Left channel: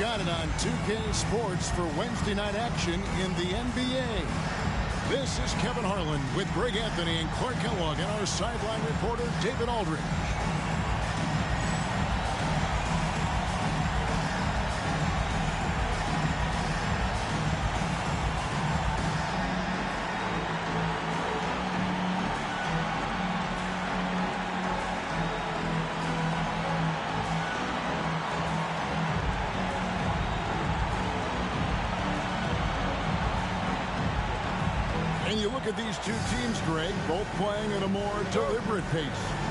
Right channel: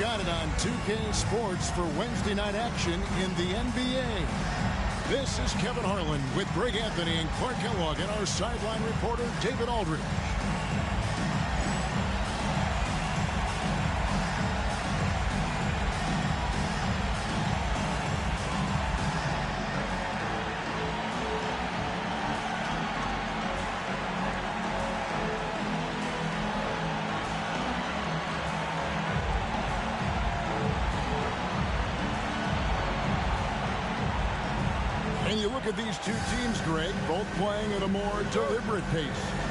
got it on 2K Sports for Wednesday night action in the NBA. This is Kevin Harlan with Greg Anthony and Clark Kellogg and our sideline reporter, David Aldridge. And you look at these two teams, Greg, both playing at a more deliberate pace.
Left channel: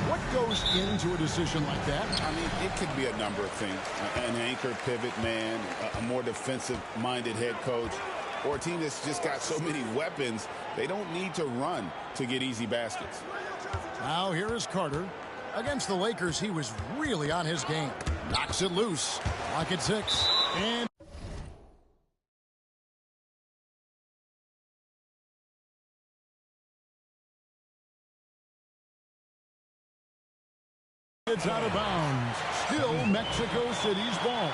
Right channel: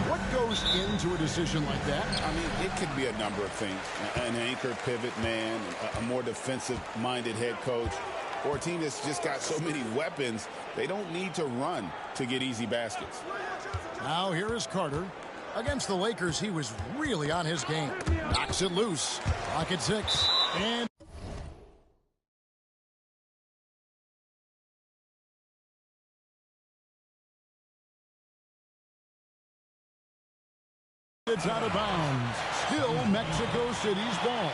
What goes into a decision like that? I mean, it could be a number of things. An anchor pivot man, a more defensive-minded head coach, or a team that's just got so many weapons, they don't need to run to get easy baskets. Now here is Carter. Against the Lakers, he was really on his game. Knocks it loose. Clock at 6. And it's out of bounds. Still Mexico City's ball.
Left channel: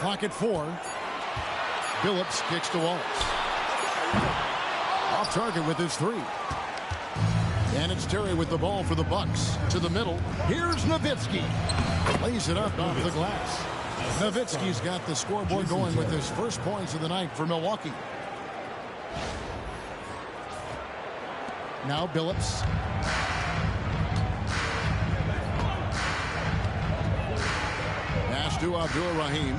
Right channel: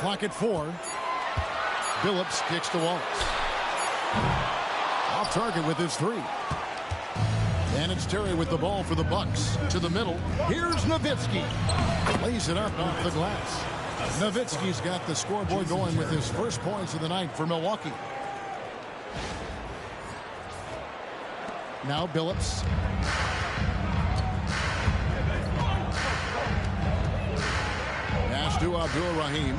Clock at 4. Billups kicks to Wallace. Off target with his 3. And it's Terry with the ball for the Bucks. To the middle. Here's Nowitzki. Lays it up off the glass. Nowitzki's got the scoreboard going with his first points of the night for Milwaukee. Now Billups. Pass to Abdul-Rahim.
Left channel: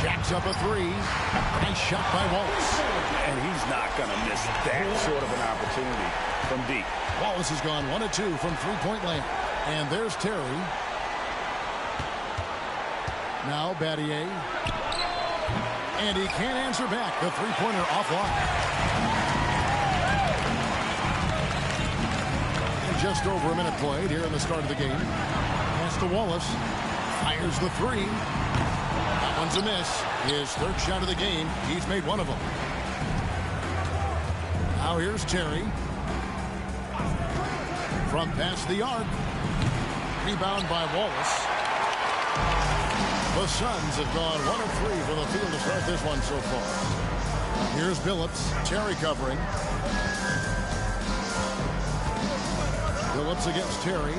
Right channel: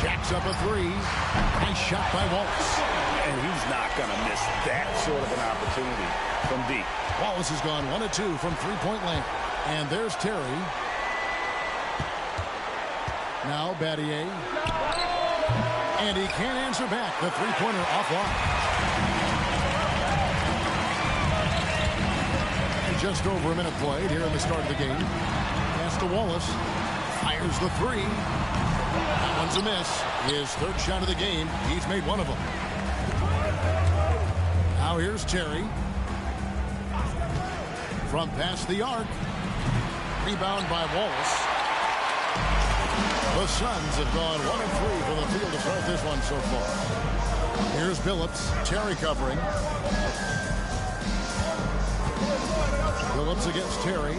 Jacks up a 3. Nice shot by Wallace. And he's not going to miss that sort of an opportunity from deep. Wallace has gone 1 of 2 from three-point land. And there's Terry. Now Battier. And he can't answer back. The three-pointer offline. And just over a minute played here in the start of the game. Pass to Wallace. Fires the 3. That one's a miss. His third shot of the game. He's made one of them. Now here's Terry. From past the arc. Rebound by Wallace. The Suns have gone 1 of 3 from the field to start this one so far. Here's Billups. Terry covering. Billups against Terry.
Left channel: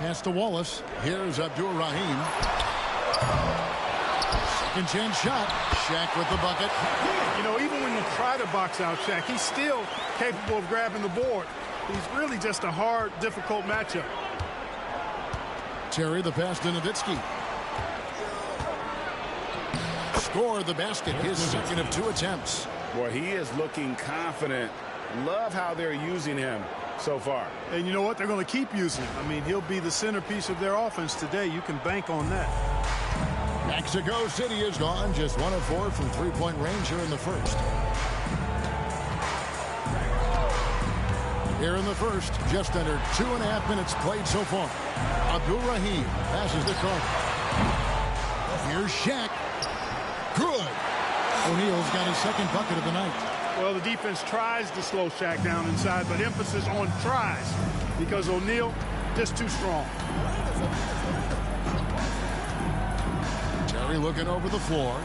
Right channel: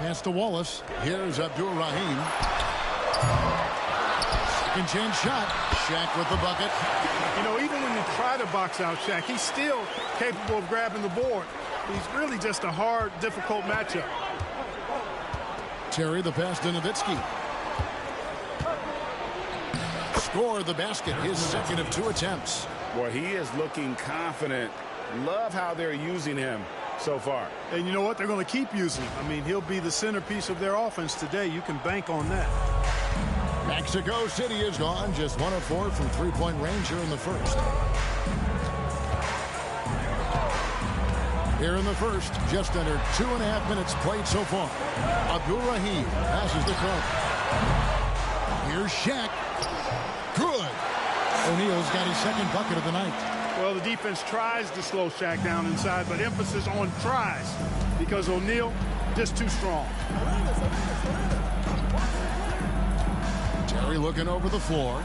Pass to Wallace. Here's Abdul-Rahim. Second chance shot. Shaq with the bucket. You know, even when you try to box out Shaq, he's still capable of grabbing the board. He's really just a hard, difficult matchup. Terry the pass to Nowitzki. Score the basket, his second of 2 attempts. Boy, he is looking confident. Love how they're using him so far. And you know what? They're going to keep using him. I mean, he'll be the centerpiece of their offense today. You can bank on that. Mexico City is gone. Just 1 of 4 from three-point range here in the first. Here in the first, just under 2.5 minutes played so far. Abdul-Rahim passes the Carter. Here's Shaq. Good. O'Neal's got his second bucket of the night. Well, the defense tries to slow Shaq down inside, but emphasis on tries because O'Neal just too strong. Terry looking over the floor.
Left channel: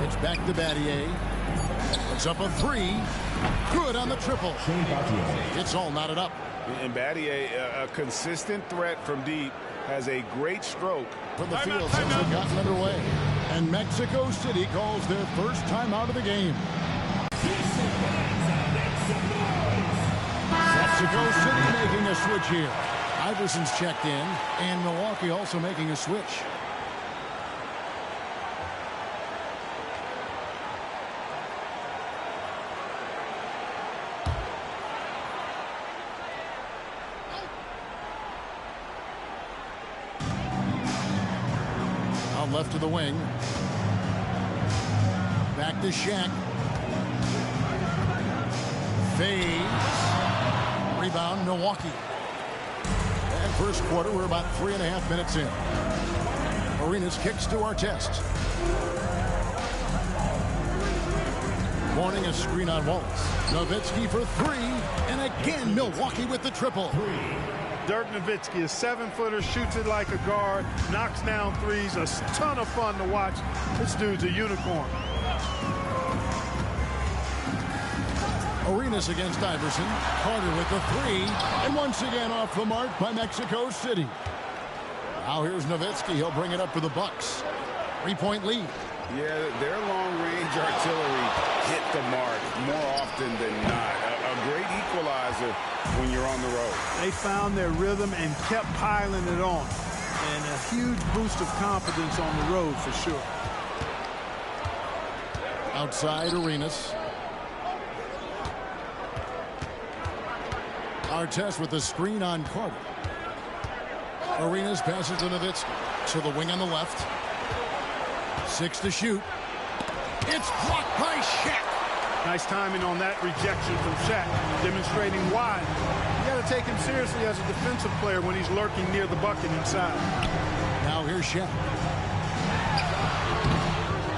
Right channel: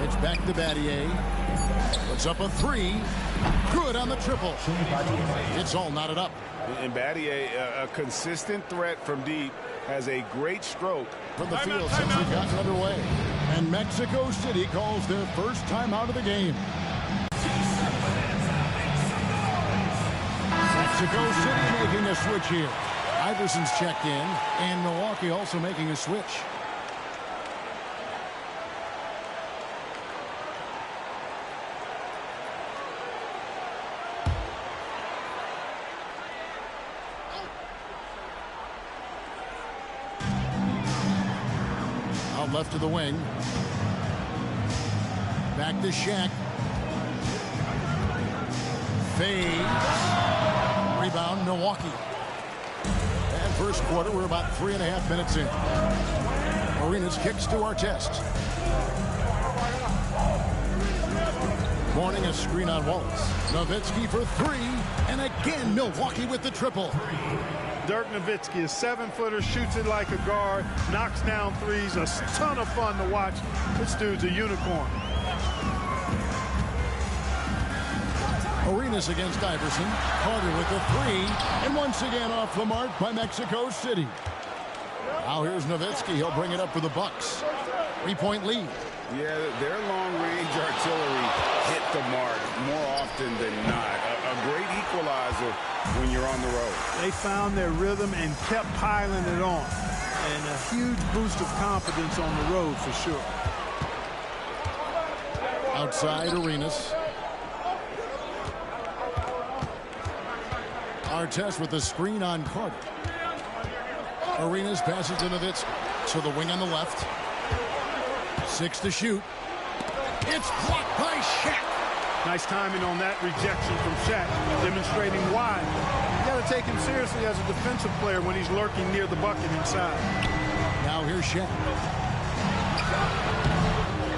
It's back to Battier. Puts up a 3. Good on the triple. It's all knotted up. And Battier, a consistent threat from deep, has a great stroke from the field since they've gotten underway. And Mexico City calls their first timeout of the game. Mexico City making a switch here. Iverson's checked in, and Milwaukee also making a switch. Out left to the wing. Back to Shaq. Fades. Rebound, Milwaukee. And First quarter, we're about 3.5 minutes in. Arenas kicks to Artest. Morning, a screen on Wallace. Nowitzki for three, and again Milwaukee with the triple. Dirk Nowitzki, a 7-footer, shoots it like a guard, knocks down threes, a ton of fun to watch. This dude's a unicorn. Arenas against Iverson. Carter with the three, and once again off the mark by Mexico City. Now here's Nowitzki. He'll bring it up for the Bucks. 3-point lead. Yeah, their long-range artillery hit the mark more often than not. A great equalizer when you're on the road. They found their rhythm and kept piling it on. And a huge boost of confidence on the road for sure. Outside Arenas. Artest with the screen on Carter. Arenas passes to Nowitzki. To the wing on the left. 6 to shoot. It's blocked by Shaq. Nice timing on that rejection from Shaq, demonstrating why. You got to take him seriously as a defensive player when he's lurking near the bucket inside. Now here's Shaq.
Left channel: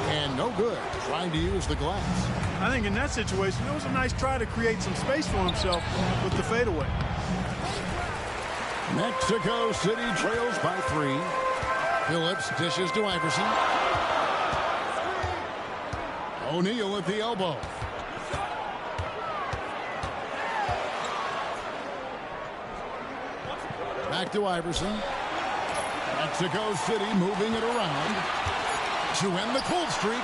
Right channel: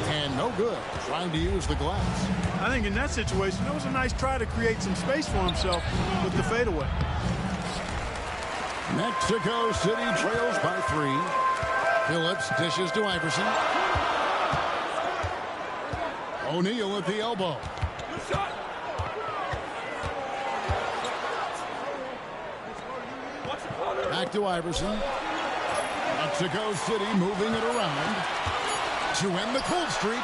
And no good. Trying to use the glass. I think in that situation, it was a nice try to create some space for himself with the fadeaway. Mexico City trails by 3. Phillips dishes to Iverson. O'Neal at the elbow. Back to Iverson. Mexico City moving it around to end the cold streak.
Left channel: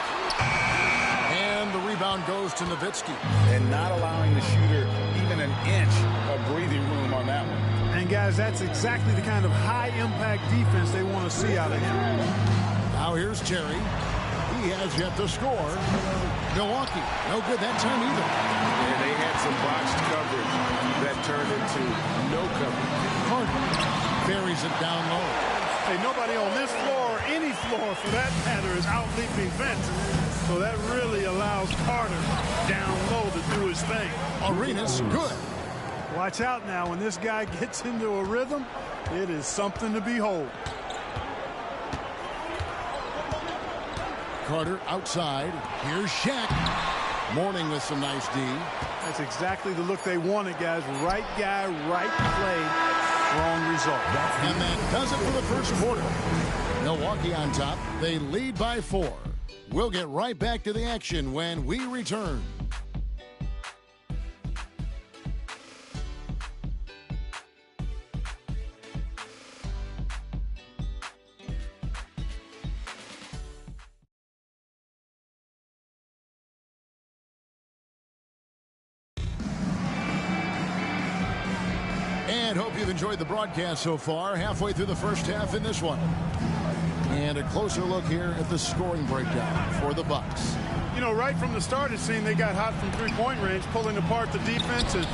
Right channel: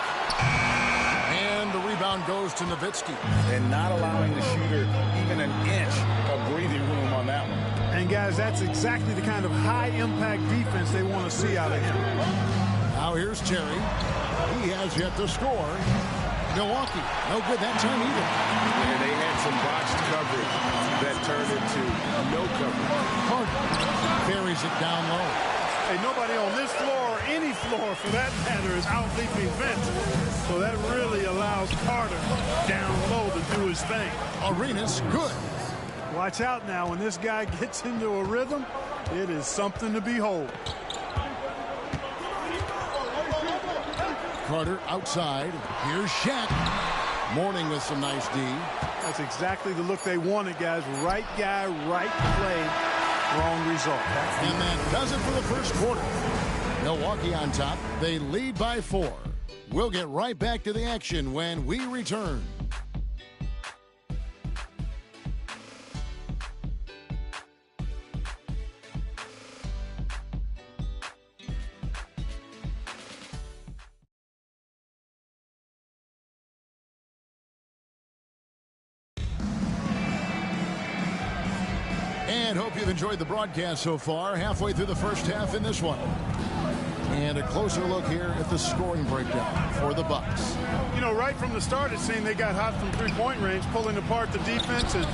And the rebound goes to Nowitzki. And not allowing the shooter even an inch of breathing room on that one. And, guys, that's exactly the kind of high-impact defense they want to see out of him. Now here's Terry. He has yet to score. Milwaukee, no good that time either. Yeah, they had some botched coverage that turned into no coverage. Carter buries it down low. Hey, nobody on this floor, or any floor for that matter, is out-leaping Vince. So that really allows Carter down low to do his thing. Arenas, good. Watch out now. When this guy gets into a rhythm, it is something to behold. Carter outside. Here's Shaq. Morning with some nice D. That's exactly the look they wanted, guys. Right guy, right play, wrong result. And that does it for the first quarter. Milwaukee on top. They lead by 4. We'll get right back to the action when we return. And hope you've enjoyed the broadcast so far. Halfway through the first half in this one. And a closer look here at the scoring breakdown for the Bucks. You know, right from the start, it seemed they got hot from three-point range, pulling apart the defense and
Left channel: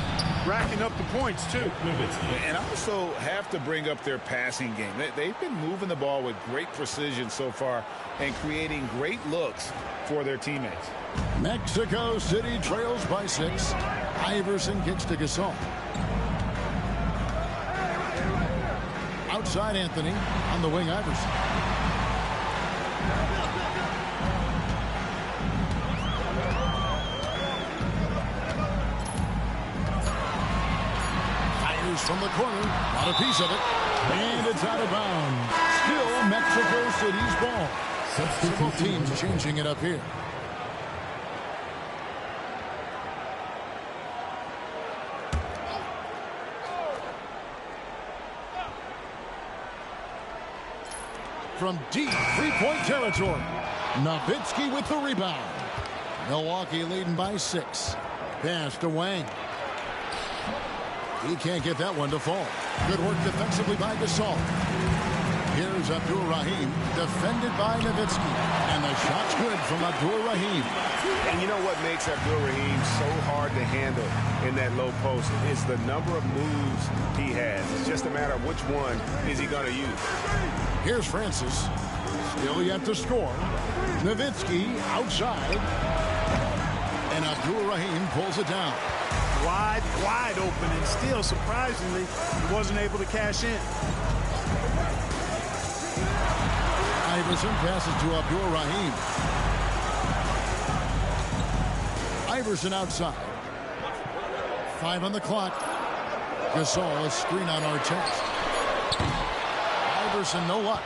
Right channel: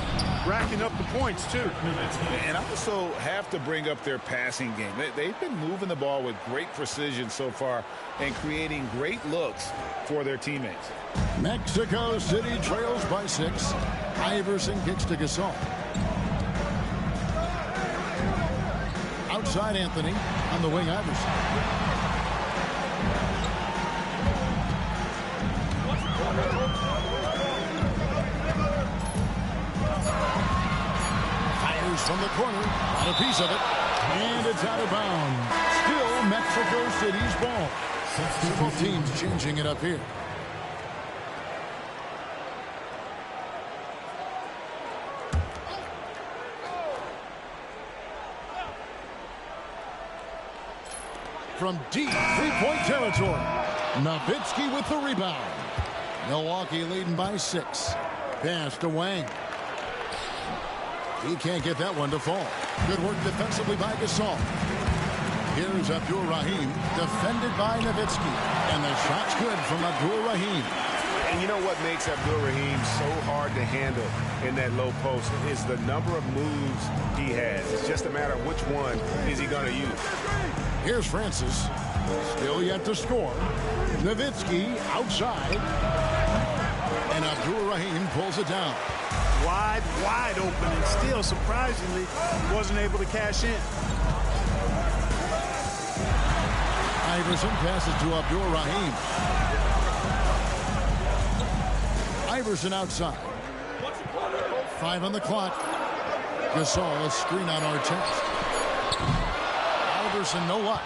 racking up the points, too. And I also have to bring up their passing game. They've been moving the ball with great precision so far and creating great looks for their teammates. Mexico City trails by 6. Iverson kicks to Gasol. Outside Anthony. On the wing, Iverson. Fires from the corner. Got a piece of it. And it's out of bounds. Still Mexico City's ball. Several teams changing it up here. From deep three-point territory. Nowitzki with the rebound. Milwaukee leading by 6. Pass to Wang. He can't get that one to fall. Good work defensively by Gasol. Here's Abdur-Rahim, defended by Nowitzki. And the shot's good from Abdur-Rahim. And you know what makes Abdur-Rahim so hard to handle in that low post is the number of moves he has. It's just a matter of which one is he going to use. Here's Francis. Still yet to score. Nowitzki outside. And Abdur-Rahim pulls it down. Wide open, and still, surprisingly, he wasn't able to cash in. Iverson passes to Abdul-Rahim. Iverson outside. 5 on the clock. Gasol, a screen on Artest. Iverson, no luck.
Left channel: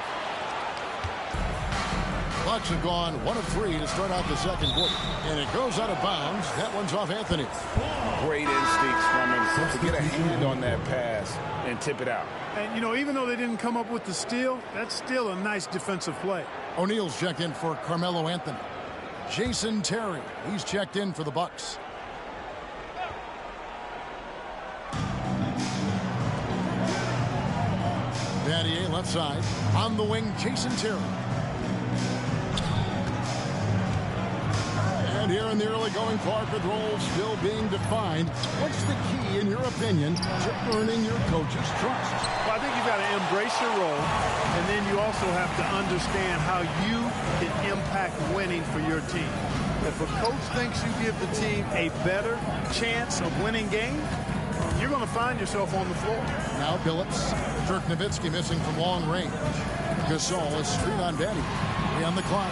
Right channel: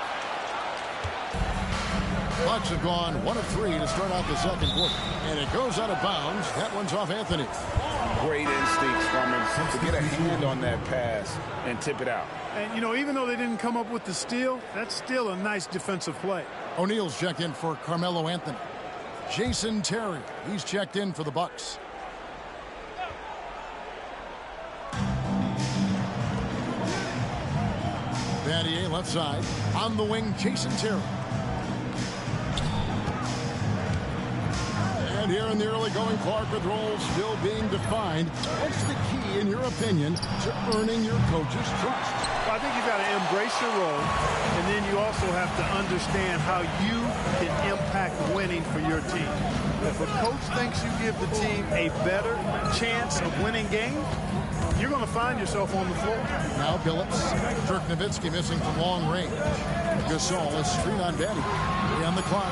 Bucks have gone 1 of 3 to start out the second quarter. And it goes out of bounds. That one's off Anthony. Great instincts from him to get a hand on that pass and tip it out. And, you know, even though they didn't come up with the steal, that's still a nice defensive play. O'Neal's checked in for Carmelo Anthony. Jason Terry, he's checked in for the Bucks. Battier left side. On the wing, Jason Terry. And here in the early going, Clark, with roles still being defined. What's the key, in your opinion, to earning your coach's trust? Well, I think you've got to embrace your role, and then you also have to understand how you can impact winning for your team. If a coach thinks you give the team a better chance of winning games, you're going to find yourself on the floor. Now Billups. Dirk Nowitzki missing from long range. Gasol is screen on Battier. 3 on the clock.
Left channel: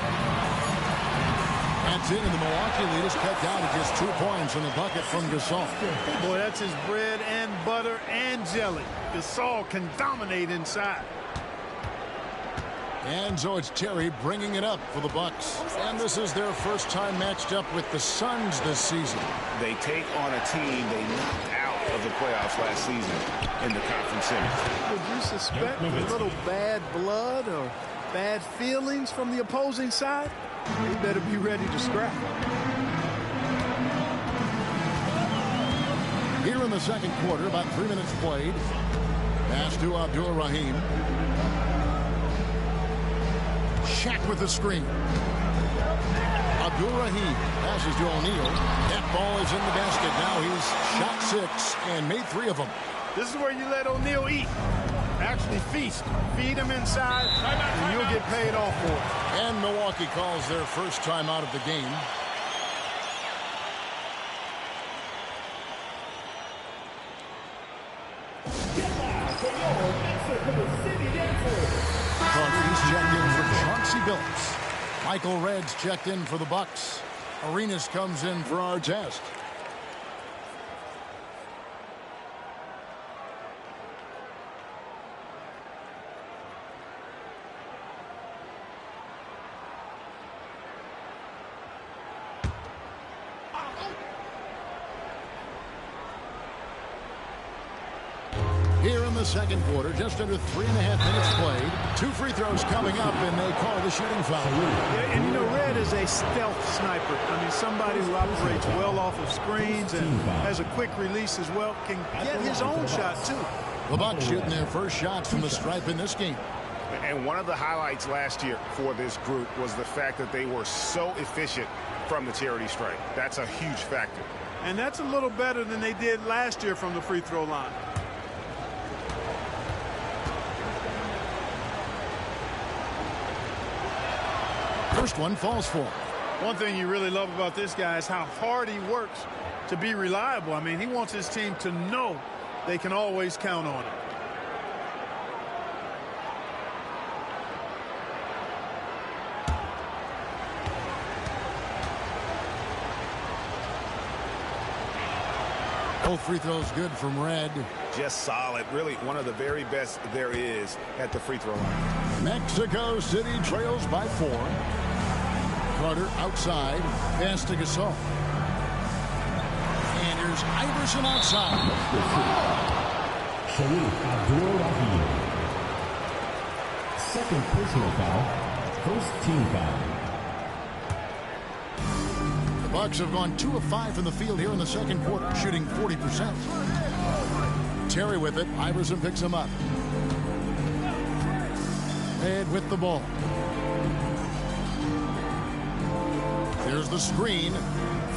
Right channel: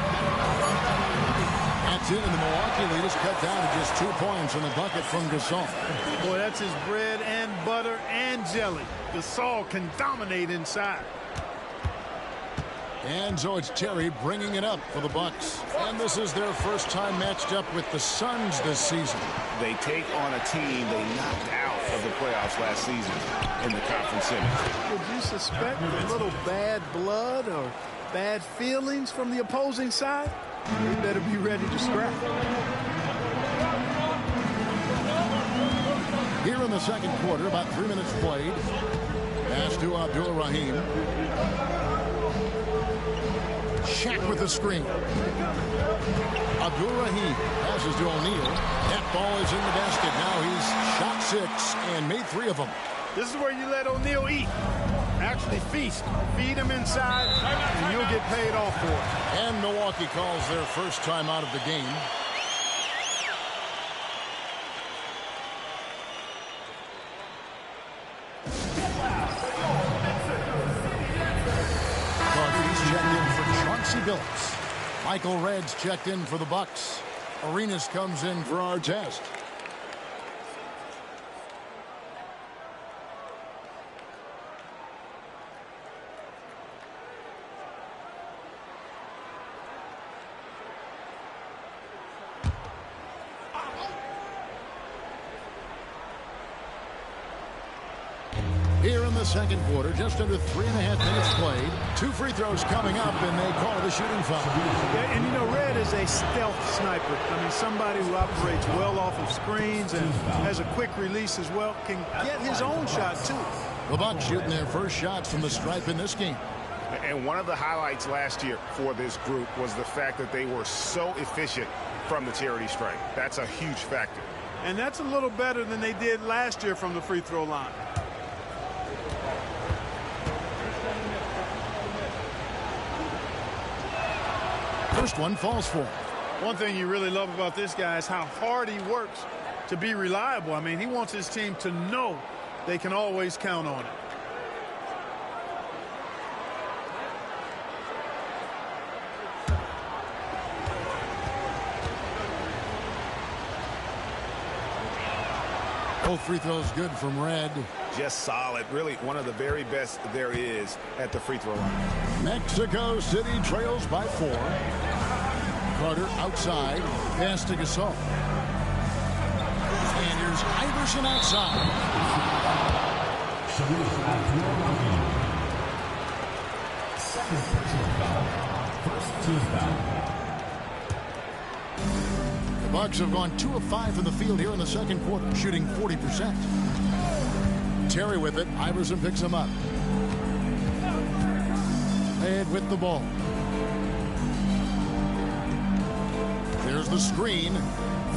That's in, and the Milwaukee lead is cut down to just 2 points in the bucket from Gasol. Boy, that's his bread and butter and jelly. Gasol can dominate inside. And so it's Terry bringing it up for the Bucks. And this is their first time matched up with the Suns this season. They take on a team they knocked out of the playoffs last season in the conference semis. Would you suspect a little bad blood or bad feelings from the opposing side? They better be ready to scrap. Here in the second quarter, about 3 minutes played. Pass to Abdul-Rahim. Shaq with the screen. Abdul-Rahim passes to O'Neal. That ball is in the basket. Now he's shot 6 and made 3 of them. This is where you let O'Neal eat. Actually feast. Feed him inside, and you'll get paid off for it. And Milwaukee calls their first time out of the game. Carter's checked in for Chauncey Billups. Michael Redd's checked in for the Bucks. Arenas comes in for Artest. Here in the second quarter, just under 3.5 minutes played. 2 free throws coming up, and they call it a shooting foul. Yeah, and you know, Red is a stealth sniper. I mean, somebody who operates well off of screens and has a quick release as well. Can get his own shot, too. The Bucks shooting their first shots from the stripe in this game. And one of the highlights last year for this group was the fact that they were so efficient from the charity stripe. That's a huge factor. And that's a little better than they did last year from the free throw line. First one falls for him. One thing you really love about this guy is how hard he works to be reliable. I mean, he wants his team to know they can always count on him. Both free throws good from Red. Just solid. Really one of the very best there is at the free throw line. Mexico City trails by 4. Carter outside. Pass to Gasol. And here's Iverson outside. Sharif Abdul-Rahim. Second personal foul. First team foul. The Bucks have gone 2 of 5 from the field here in the second quarter, shooting 40%. Terry with it. Iverson picks him up. Ed with the ball. There's the screen.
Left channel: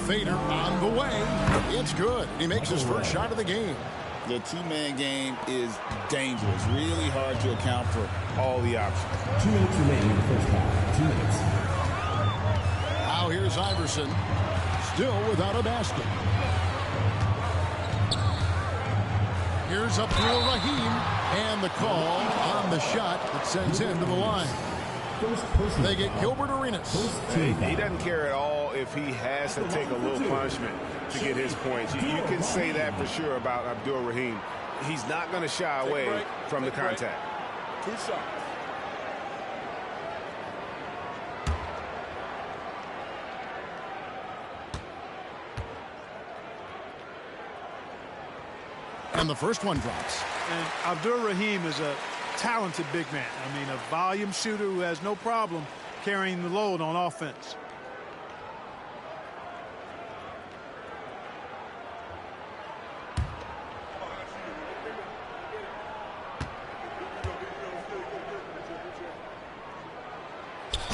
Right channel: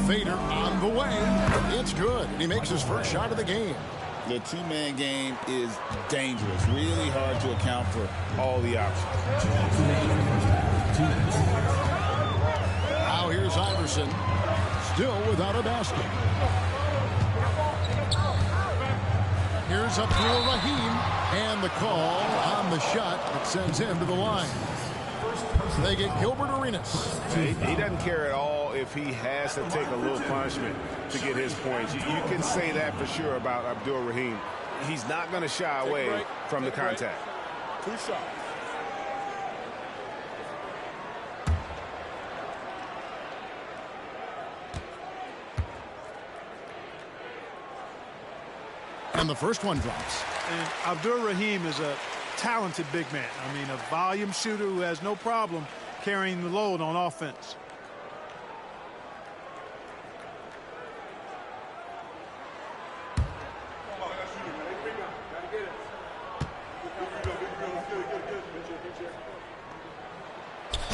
Fader on the way. It's good. He makes his first shot of the game. The two-man game is dangerous. Really hard to account for all the options. 2 minutes remaining in the first half. 2 minutes. Now here's Iverson. Still without a basket. Here's Abdul-Rahim. And the call on the shot that sends him to the line. First personal They get foul. Gilbert Arenas. He doesn't care at all if he has to take a little punishment to get his points. You can say that for sure about Abdul Rahim. He's not going to shy away from the contact. 2 shots. And the first one drops. And Abdul Rahim is a talented big man. I mean, a volume shooter who has no problem carrying the load on offense.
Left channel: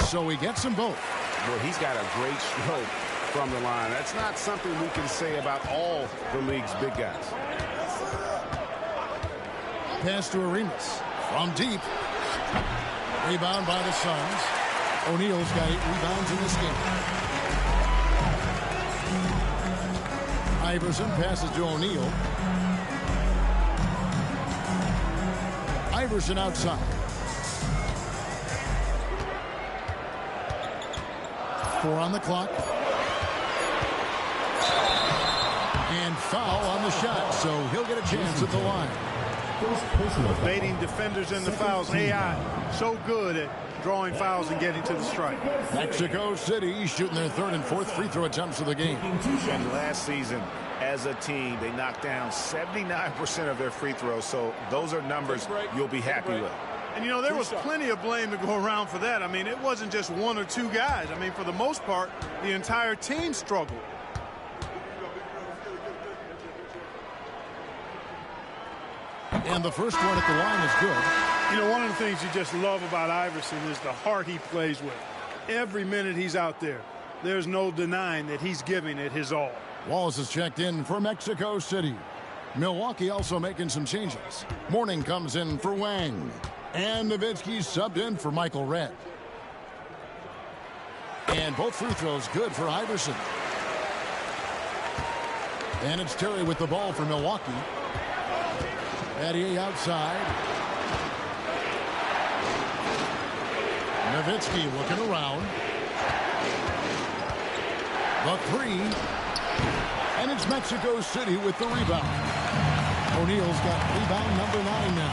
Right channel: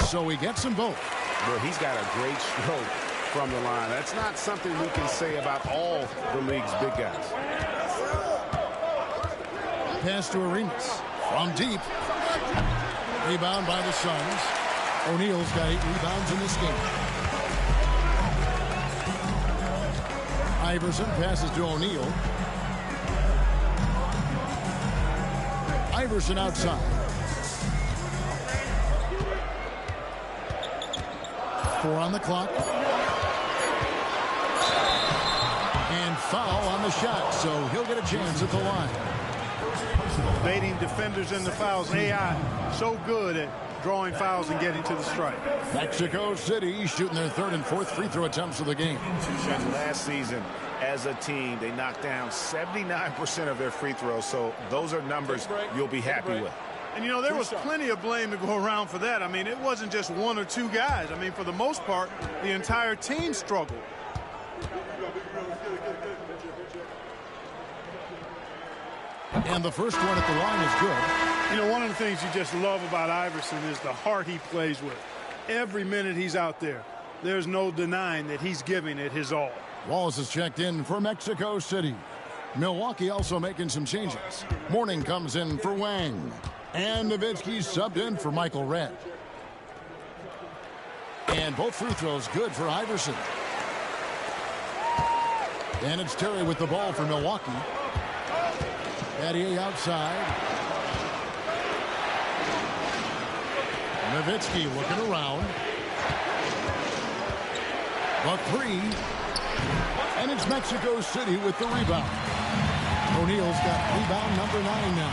So he gets them both. Boy, he's got a great stroke from the line. That's not something we can say about all the league's big guys. Pass to Arenas from deep. Rebound by the Suns. O'Neal's got 8 rebounds in this game. Iverson passes to O'Neal. Iverson outside. 4 on the clock. And foul on the shot, so he'll get a chance at the line. First personal foul. Baiting defenders into fouls. AI so good at drawing fouls and getting to the strike. Mexico City shooting their 3rd and 4th free throw attempts of the game. And last season, as a team, they knocked down 79% of their free throws, so those are numbers you'll be happy with. And, you know, there was plenty of blame to go around for that. I mean, it wasn't just 1 or 2 guys. I mean, for the most part, the entire team struggled. And the first one at the line is good. You know, one of the things you just love about Iverson is the heart he plays with. Every minute he's out there, there's no denying that he's giving it his all. Wallace is checked in for Mexico City. Milwaukee also making some changes. Morning comes in for Wang. And Nowitzki subbed in for Michael Redd. And both free throws good for Iverson. And it's Terry with the ball for Milwaukee. Battier outside. Nowitzki looking around. The 3. And it's Mexico City with the rebound. O'Neal's got rebound number 9 now.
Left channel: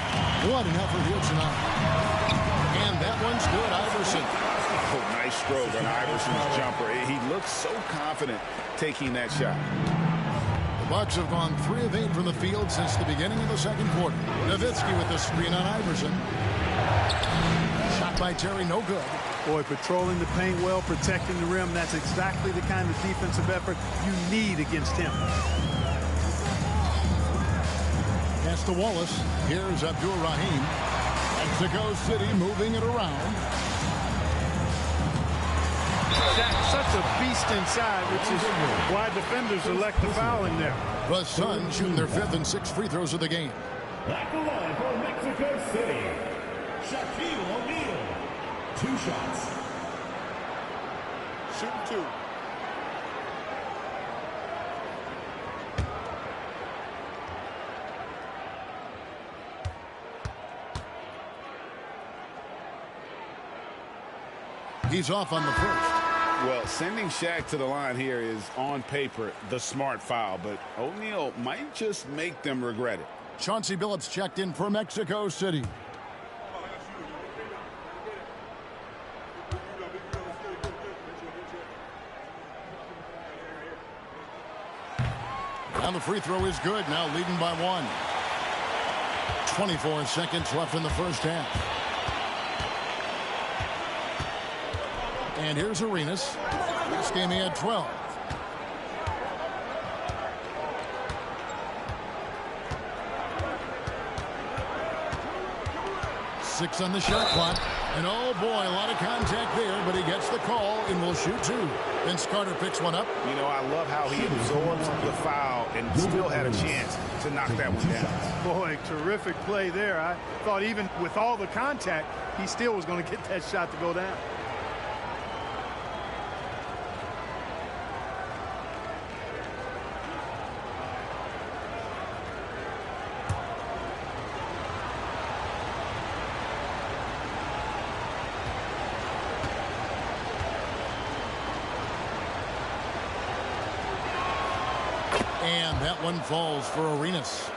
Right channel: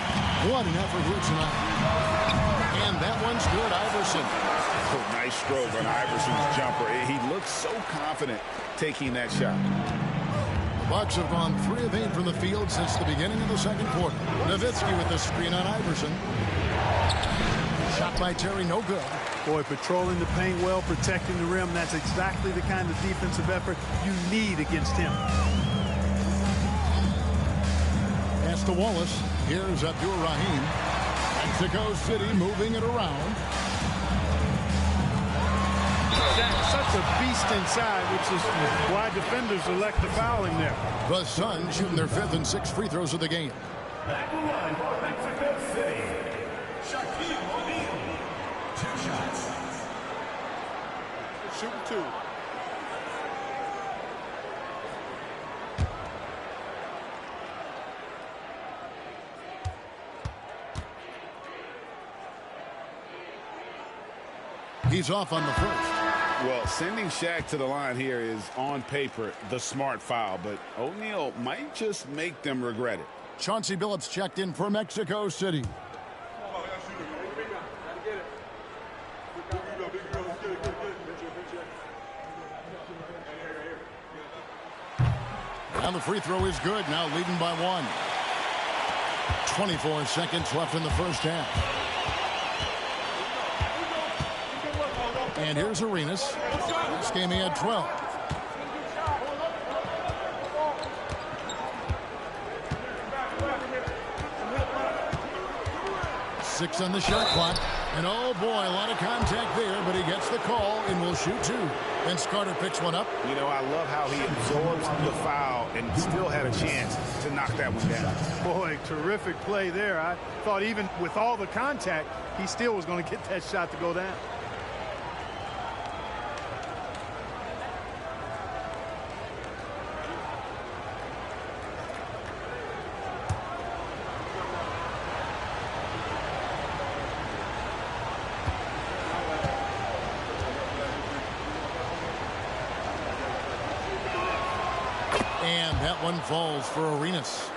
What an effort here tonight. And that one's good, Iverson. Oh, nice stroke on Iverson's jumper. He looks so confident taking that shot. The Bucks have gone 3 of 8 from the field since the beginning of the second quarter. Nowitzki with the screen on Iverson. Shot by Terry, no good. Boy, patrolling the paint well, protecting the rim, that's exactly the kind of defensive effort you need against him. Pass to Wallace. Here's Abdul Rahim. Mexico City moving it around. Shaq, such a beast inside, which is why defenders elect to foul him there. The Suns shooting their 5th and 6th free throws of the game. At the line for Mexico City, Shaquille O'Neal. 2 shots. Shooting 2. He's off on the first. Well, sending Shaq to the line here is, on paper, the smart foul, but O'Neal might just make them regret it. Chauncey Billups checked in for Mexico City. And the free throw is good, now leading by 1. 24 seconds left in the first half. And here's Arenas. This game he had 12. Six on the shot clock. And oh boy, a lot of contact there, but he gets the call and will shoot 2. Vince Carter picks one up. You know, I love how he absorbs the foul and still had a chance to knock that one down. Boy, terrific play there. I thought even with all the contact, he still was going to get that shot to go down. And that one falls for Arenas.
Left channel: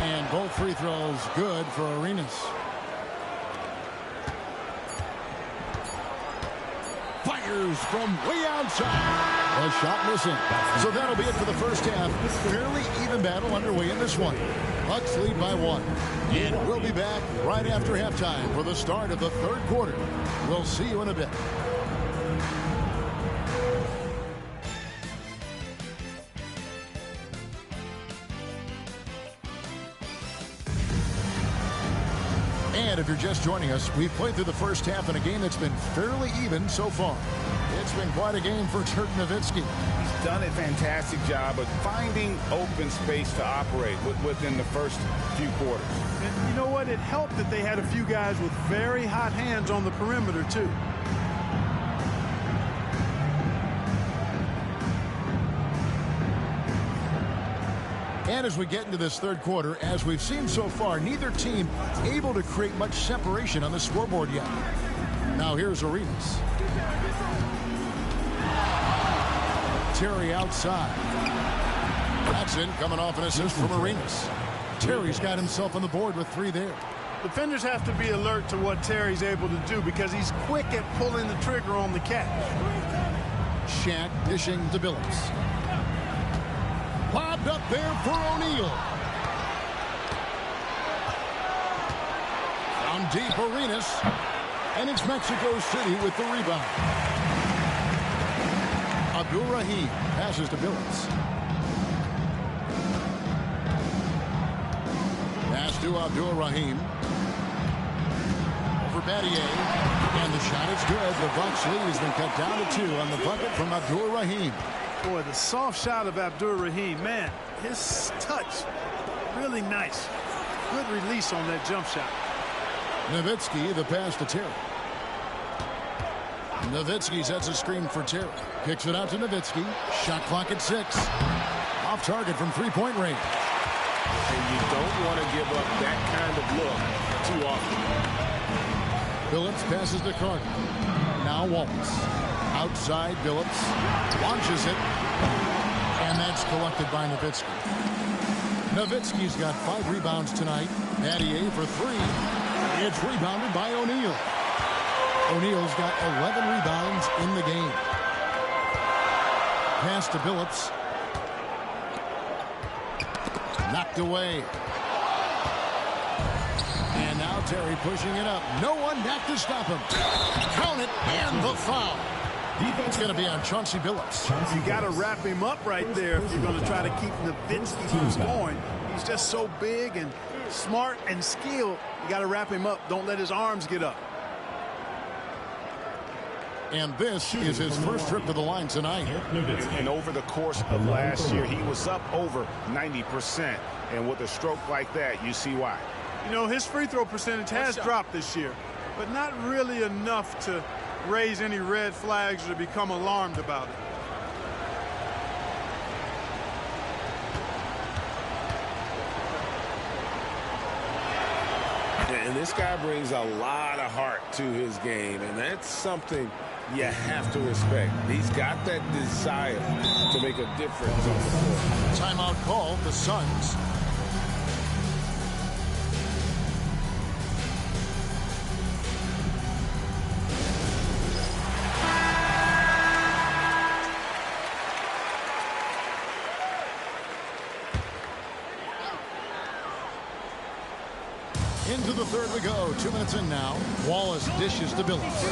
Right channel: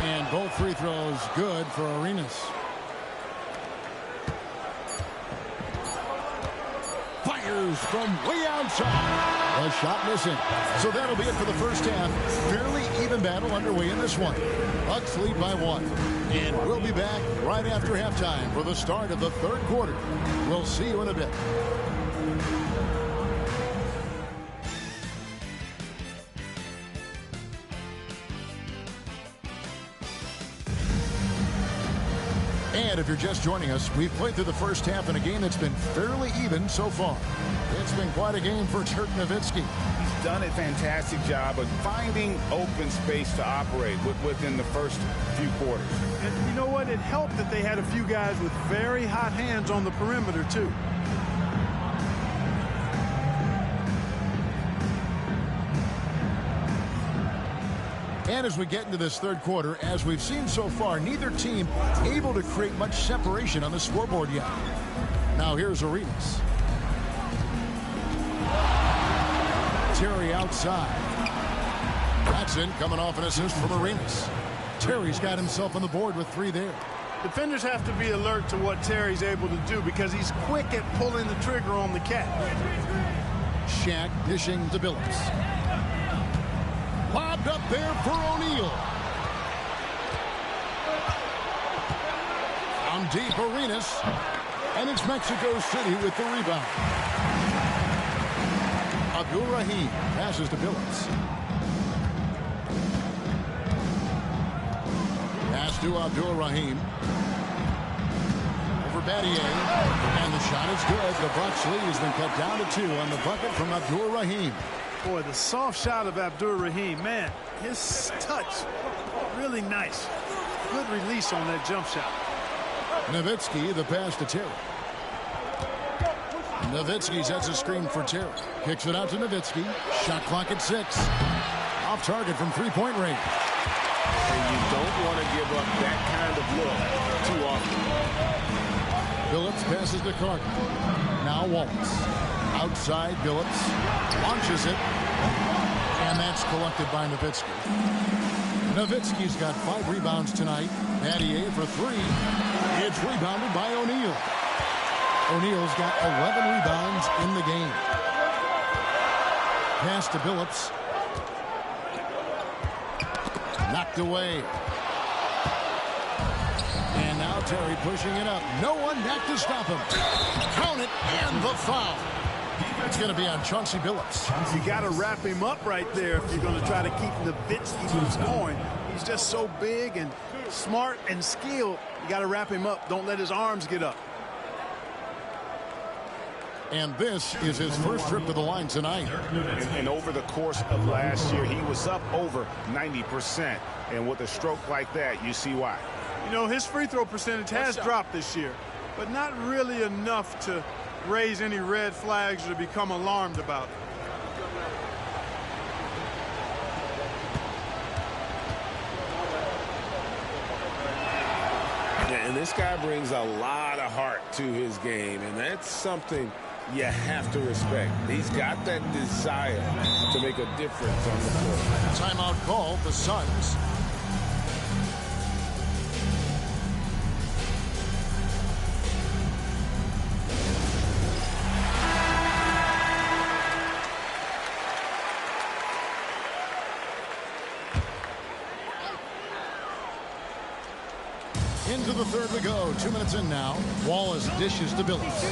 And both free throws good for Arenas. Fires from way outside. A shot missing. So that'll be it for the first half. Fairly even battle underway in this one. Bucks lead by 1. And we'll be back right after halftime for the start of the third quarter. We'll see you in a bit. And if you're just joining us, we've played through the first half in a game that's been fairly even so far. It's been quite a game for Dirk Nowitzki. He's done a fantastic job of finding open space to operate within the first few quarters. And you know what? It helped that they had a few guys with very hot hands on the perimeter, too. And as we get into this third quarter, as we've seen so far, neither team able to create much separation on the scoreboard yet. Now here's Arenas. Terry outside. That's in, coming off an assist from Arenas. Terry's got himself on the board with 3 there. Defenders have to be alert to what Terry's able to do because he's quick at pulling the trigger on the catch. Shaq dishing to Billups. Lobbed up there for O'Neal. From deep, Arenas. And it's Mexico City with the rebound. Abdul-Rahim passes to Billups. Pass to Abdul-Rahim. Over Battier. And the shot is good. The Bucks lead has been cut down to 2 on the bucket from Abdul-Rahim. Boy, the soft shot of Abdul-Rahim, man, his touch, really nice. Good release on that jump shot. Nowitzki, the pass to Terry. Nowitzki sets a screen for Terry. Kicks it out to Nowitzki. Shot clock at 6. Off target from three-point range. And you don't want to give up that kind of look too often. Billups passes to Carter. Now Wallace. Outside, Billups launches it, and that's collected by Nowitzki. Nowitzki's got 5 rebounds tonight. Battier for 3. It's rebounded by O'Neal. O'Neal's got 11 rebounds in the game. Pass to Billups. Knocked away. And now Terry pushing it up. No one back to stop him. Count it, and the foul. It's going to be on Chauncey Billups. You got to wrap him up right there if you're going to try to keep Nowitzki from scoring. He's just so big and smart and skilled. You got to wrap him up. Don't let his arms get up. And this is his first trip to the line tonight. And over the course of last year, he was up over 90%. And with a stroke like that, you see why. You know, his free throw percentage has dropped this year, but not really enough to raise any red flags or to become alarmed about it. And this guy brings a lot of heart to his game, and that's something you have to respect. He's got that desire to make a difference on the floor. Timeout call, the Suns. Into the third we go. 2 minutes in now. Wallace dishes to Billups.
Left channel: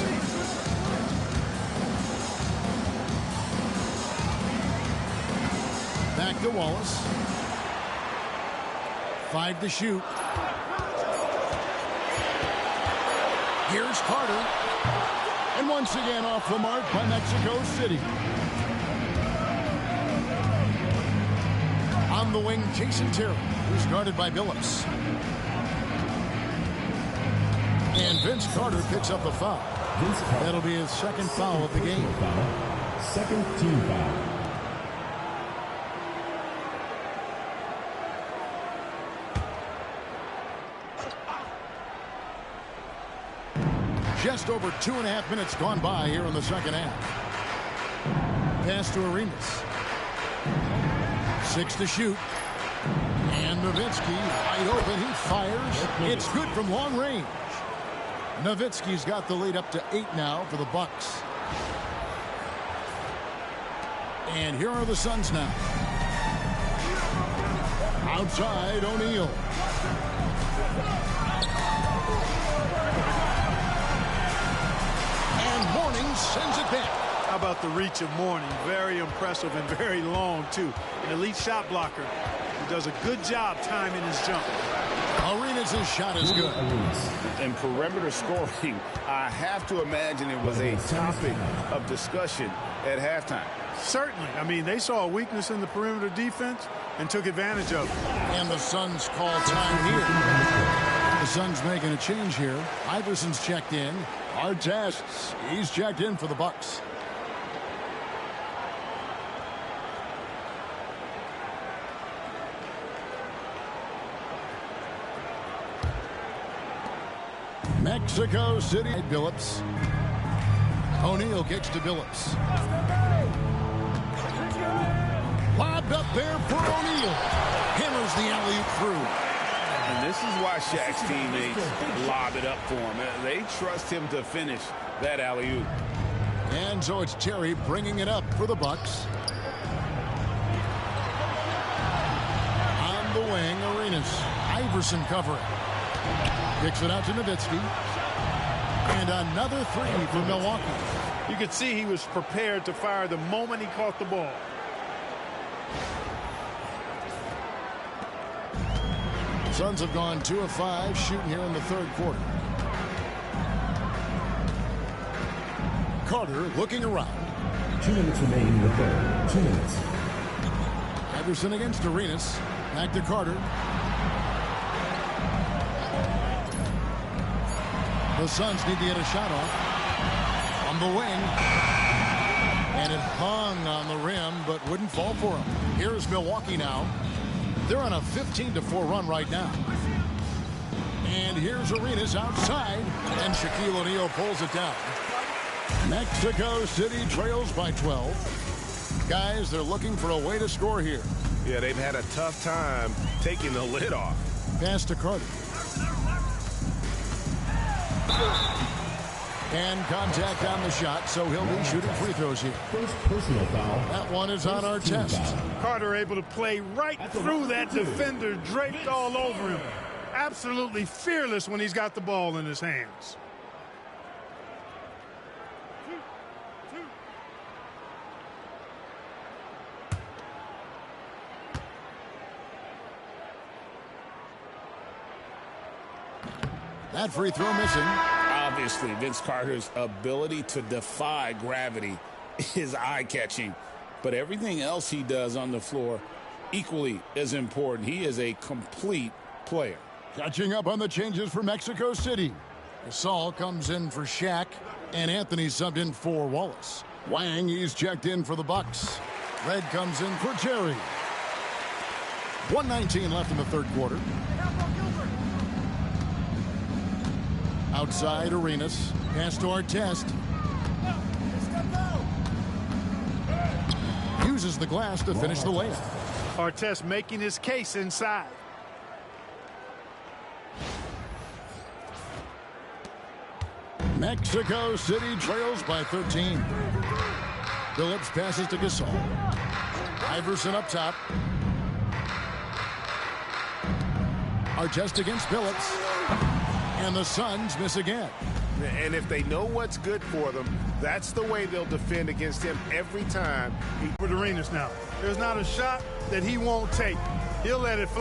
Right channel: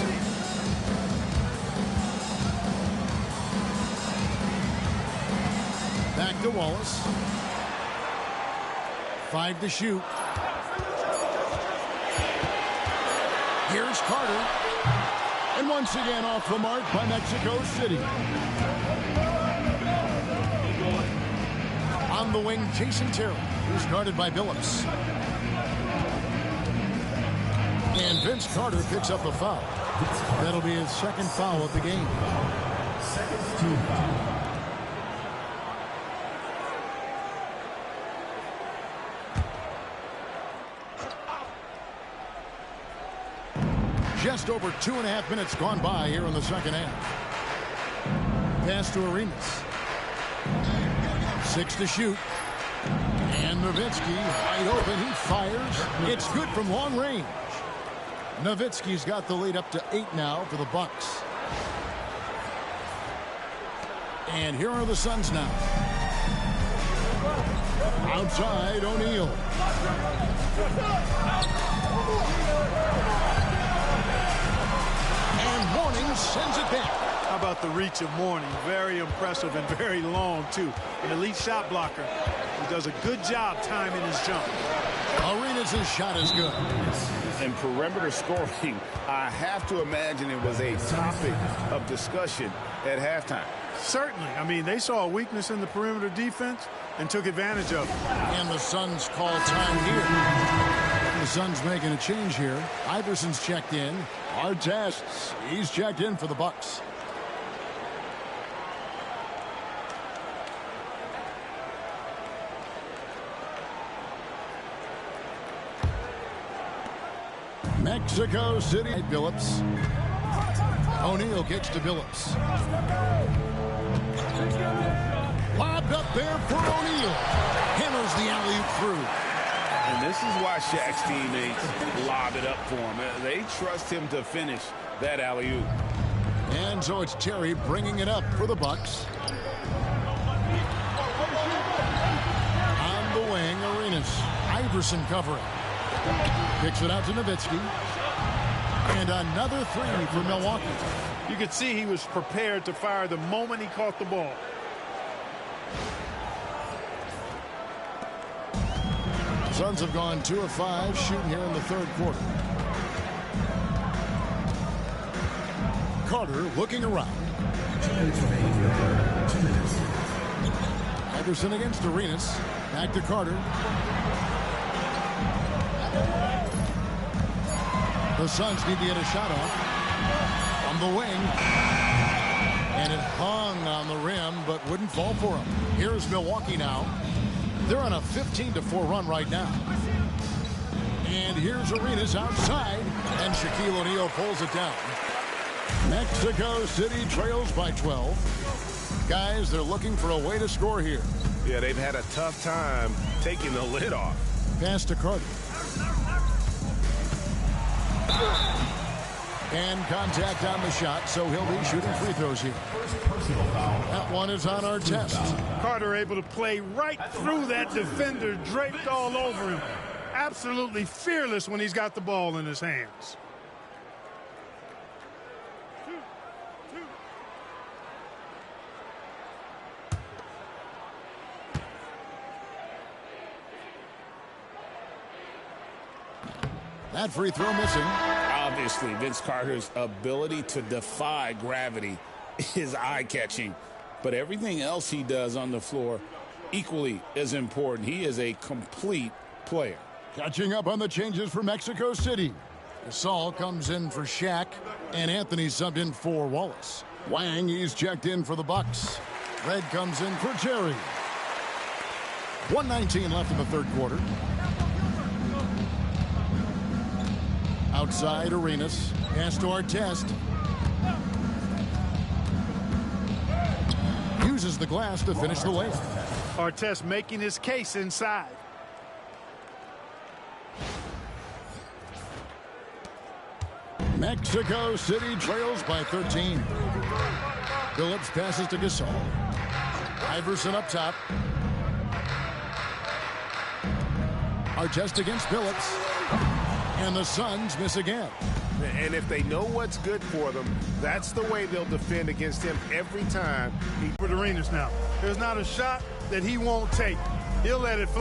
Back to Wallace. 5 to shoot. Here's Carter. And once again off the mark by Mexico City. On the wing, Jason Terry, who's guarded by Billups. And Vince Carter picks up the foul. That'll be his second foul of the game. Second team foul. Just over 2.5 minutes gone by here in the second half. Pass to Arenas. 6 to shoot. And Nowitzki wide open. He fires. It's good from long range. Nowitzki's got the lead up to 8 now for the Bucks. And here are the Suns now. Outside, O'Neal. And Mourning sends it back. How about the reach of Mourning? Very impressive and very long, too. An elite shot blocker who does a good job timing his jump. Arenas' shot is good. And perimeter scoring, I have to imagine it was a topic of discussion at halftime. Certainly. I mean, they saw a weakness in the perimeter defense and took advantage of it. And the Suns call time here. The Suns making a change here. Iverson's checked in. Artest, he's checked in for the Bucks. Mexico City. Billups. O'Neal kicks to Billups. Lobbed up there for O'Neal. Hammers the alley-oop through. And this is why Shaq's teammates lob it up for him. They trust him to finish that alley-oop. And so it's Terry bringing it up for the Bucks. On the wing, Arenas. Iverson covering. Kicks it out to Nowitzki. And another three for Milwaukee. You could see he was prepared to fire the moment he caught the ball. Suns have gone 2 of 5 shooting here in the third quarter. Carter looking around. 2 minutes remaining in the third. 2 minutes. Iverson against Arenas. Back to Carter. The Suns need to get a shot off. From the wing. And it hung on the rim, but wouldn't fall for him. Here's Milwaukee now. They're on a 15-4 run right now. And here's Arenas outside. And Shaquille O'Neal pulls it down. Mexico City trails by 12. Guys, they're looking for a way to score here. Yeah, they've had a tough time taking the lid off. Pass to Carter. And contact on the shot, so he'll be shooting free throws here. First personal foul. That one is on our test. Carter able to play right through that defender, draped all over him. Absolutely fearless when he's got the ball in his hands. That free throw missing. Obviously, Vince Carter's ability to defy gravity is eye-catching. But everything else he does on the floor equally as important. He is a complete player. Catching up on the changes for Mexico City. Gasol comes in for Shaq, and Anthony subbed in for Wallace. Wang, he's checked in for the Bucks. Red comes in for Terry. 1:19 left in the third quarter. Outside Arenas. Pass to Artest. Uses the glass to finish the layup. Artest making his case inside. Mexico City trails by 13. Billups passes to Gasol. Iverson up top. Artest against Billups. And the Suns miss again. And if they know what's good for them, that's the way they'll defend against him every time. With Arenas now. There's not a shot that he won't take. He'll let it fly.